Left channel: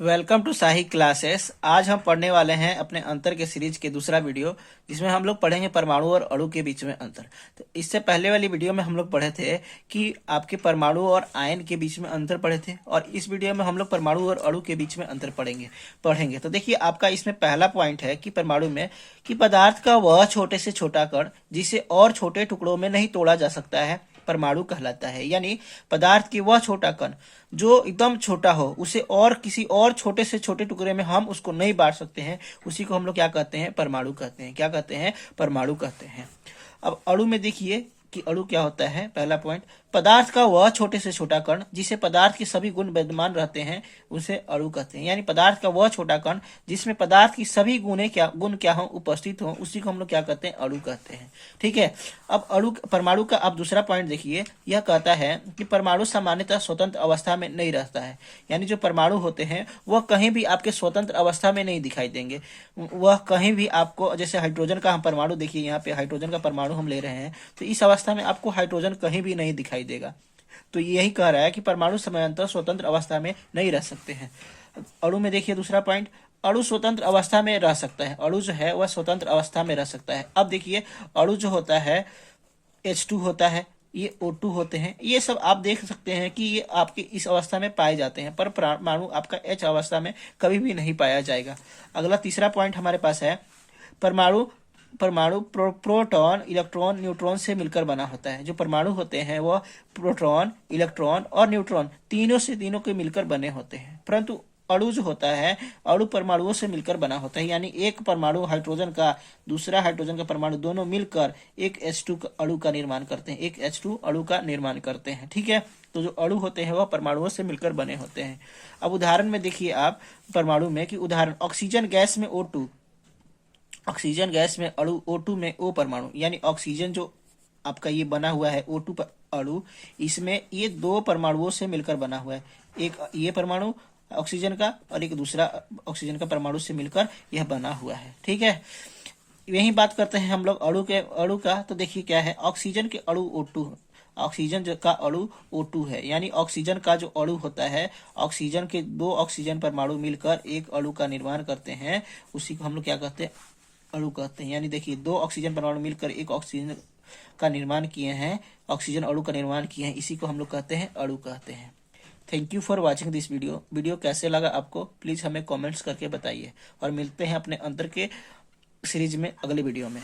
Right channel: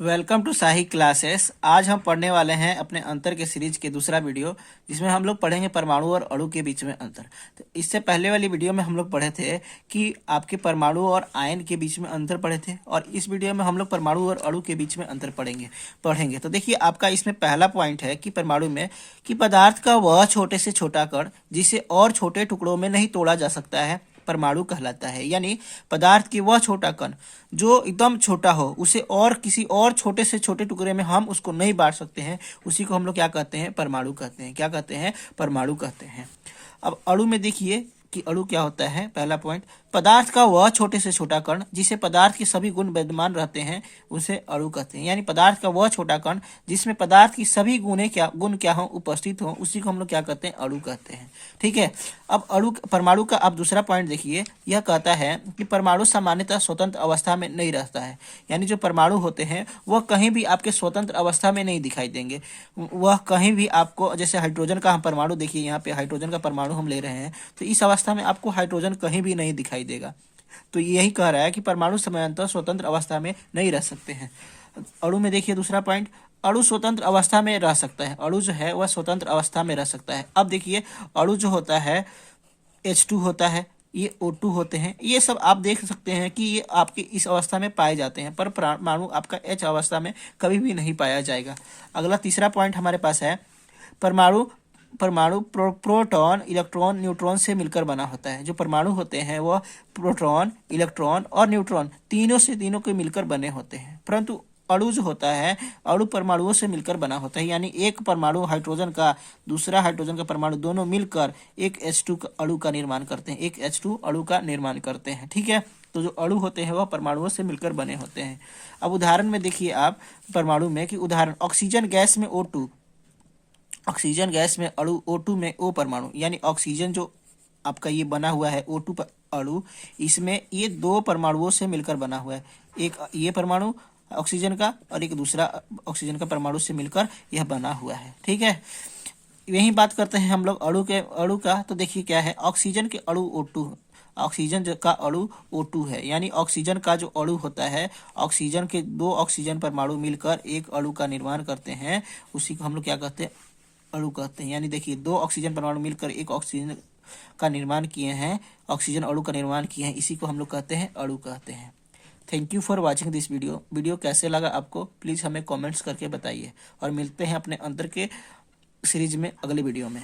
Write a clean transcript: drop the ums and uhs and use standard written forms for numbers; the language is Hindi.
Welcome to shahi classes. आज हम पढ़ने वाले हैं अपने अंतर के सीरीज के दूसरा वीडियो, जिसमें हम लोग पढ़ेंगे परमाणु और अणु के बीच में अंतर। तो इससे पहले वाली वीडियो में हम लोग पढ़े थे कि आपके परमाणु और आयन के बीच में अंतर पढ़े थे, और इस वीडियो में हम लोग परमाणु और अणु के बीच में अंतर पढ़ेंगे। तो देखिए, आपका इसमें पहला पॉइंट है कि परमाणु में कि पदार्थ का वह छोटे से छोटा कण जिसे और छोटे टुकड़ों में नहीं तोड़ा जा सकता है परमाणु कहलाता है। यानी पदार्थ की वह छोटा कण जो एकदम छोटा हो, उसे और किसी और छोटे से छोटे टुकड़े में हम उसको नहीं बांट सकते हैं, उसी को हम लोग क्या कहते हैं? परमाणु कहते हैं। क्या कहते हैं? परमाणु कहते हैं। अब अणु में देखिए कि अणु क्या होता है। पहला पॉइंट, पदार्थ का वह छोटे से छोटा कण जिसे पदार्थ के सभी गुण विद्यमान रहते हैं उसे अणु कहते हैं। यानी पदार्थ का वह छोटा कण जिसमें पदार्थ की सभी गुण क्या हो, उपस्थित हो, उसी को हम लोग क्या कहते हैं? अणु कहते हैं। ठीक है। अब परमाणु का आप दूसरा पॉइंट देखिए, यह कहता है कि परमाणु सामान्यतः स्वतंत्र अवस्था में नहीं रहता है। यानी जो परमाणु होते हैं वह कहीं भी आपके स्वतंत्र अवस्था में नहीं दिखाई देंगे। वह कहीं भी आपको, जैसे हाइड्रोजन का हम परमाणु देखिए, यहाँ पे हाइड्रोजन का परमाणु हम ले रहे हैं, तो इस अवस्था में आपको हाइड्रोजन कहीं भी नहीं दिखाई देगा। तो यही कह रहा है कि परमाणु समानांतर स्वतंत्र अवस्था में नहीं रह सकते हैं। अणु में देखिए दूसरा पॉइंट, अणु स्वतंत्र अवस्था में रह सकता है। अणु जो है वह स्वतंत्र अवस्था में रह सकता है। अब देखिए, अणु जो होता है H2 होता है, ये O2 होते हैं, ये सब आप देख सकते हैं कि ये आपके इस अवस्था में पाए जाते हैं, पर परमाणु आपका H अवस्था में कभी भी नहीं पाया जाएगा। अगला तीसरा पॉइंट हमारे पास है, परमाणु परमाणु प्रोटॉन, इलेक्ट्रॉन, न्यूट्रॉन से मिलकर बना होता है। जो परमाणु होते हैं वह प्रोटॉन, इलेक्ट्रॉन और न्यूट्रॉन तीनों के मिलकर बने होते हैं, परंतु अणु जो होता है, अणु परमाणुओं से मिलकर बना होता है। यानी एक परमाणु हाइड्रोजन का, दूसरा हाइड्रोजन का परमाणु, दोनों मिलकर एक H2 अणु का निर्माण करते हैं, एक H2 अणु का निर्माण करते हैं। ठीक है। तो जो अणु होते हैं वह परमाणुओं से मिलकर बने होते हैं। अब उदाहरण में देखिए आप परमाणु में कि उदाहरण, ऑक्सीजन गैस में O2, ऑक्सीजन गैस में अणु O2 में O परमाणु, यानी ऑक्सीजन जो आपका ये बना हुआ है O2 अणु, इसमें ये दो परमाणुओं से मिलकर बना हुआ है। एक ये परमाणु ऑक्सीजन का और एक दूसरा ऑक्सीजन का परमाणु से मिलकर यह बना हुआ है। ठीक है। यही बात करते हैं हम लोग अणु का। तो देखिए क्या है, ऑक्सीजन के अणु O2, ऑक्सीजन का अणु O2 है। यानी ऑक्सीजन का जो अणु होता है, ऑक्सीजन के दो ऑक्सीजन परमाणु मिलकर एक अणु का निर्माण करते हैं, उसी को हम लोग क्या कहते हैं? अणु कहते हैं। यानी देखिए, दो ऑक्सीजन परमाणु मिलकर एक ऑक्सीजन का निर्माण किए हैं, ऑक्सीजन अणु का निर्माण किए हैं, इसी को हम लोग कहते हैं अणु कहते हैं। Thank you for watching this video कैसे लगा आपको प्लीज़ हमें कमेंट्स करके बताइए, और मिलते हैं अपने अंतर के सीरीज में अगले वीडियो में।